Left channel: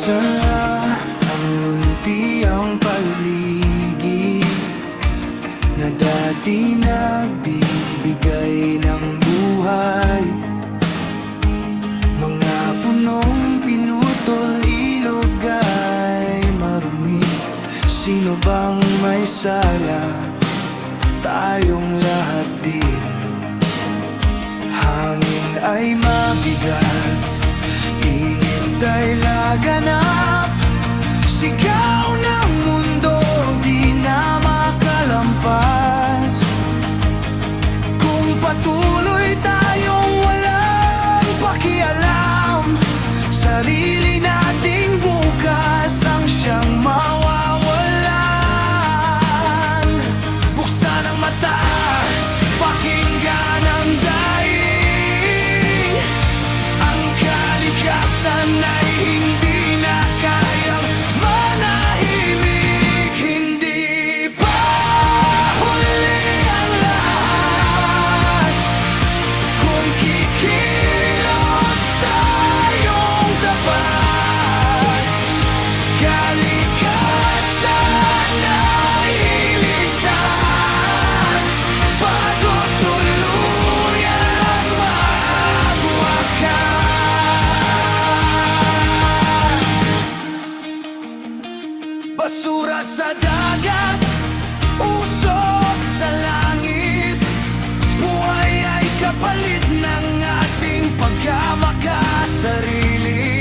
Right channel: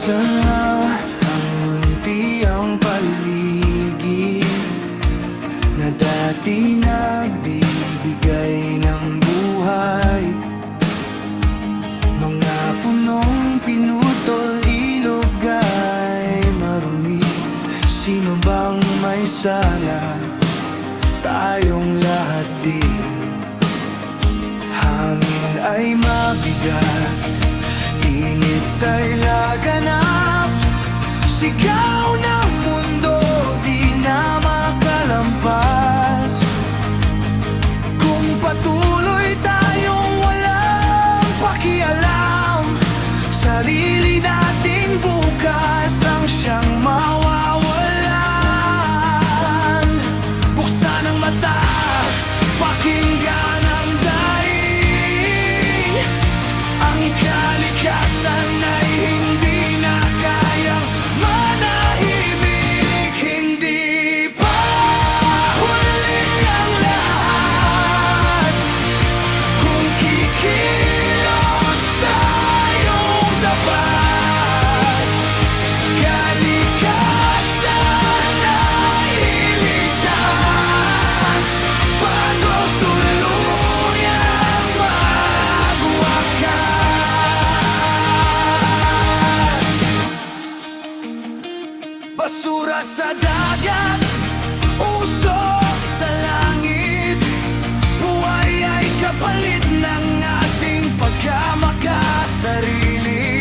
Sana ang munti ang paligid na dati nagbibigay ng buhay. Mga punong pinutol, ilog ay marumi. Sino bang may sala? Tayong lahat din. Hangin ay mabigat, init ay laganap. Sigaw ng mundo, di na makalampas. Kung patuloy tayong walang pakialam, sarili nating bukas ang siyang mawawalan. Buksan ang mata, pakinggan ang daing. Ang kalikasan ay hindi na kayang manahimik. Hindi pa huli ang lahat kung kikilos tayong tapat. Kalikasan ay iligtas bago tuluyang magwakas. Basura sa dagat, usok sa langit. Buhay ay kapalit ng ating pagkamakasarili.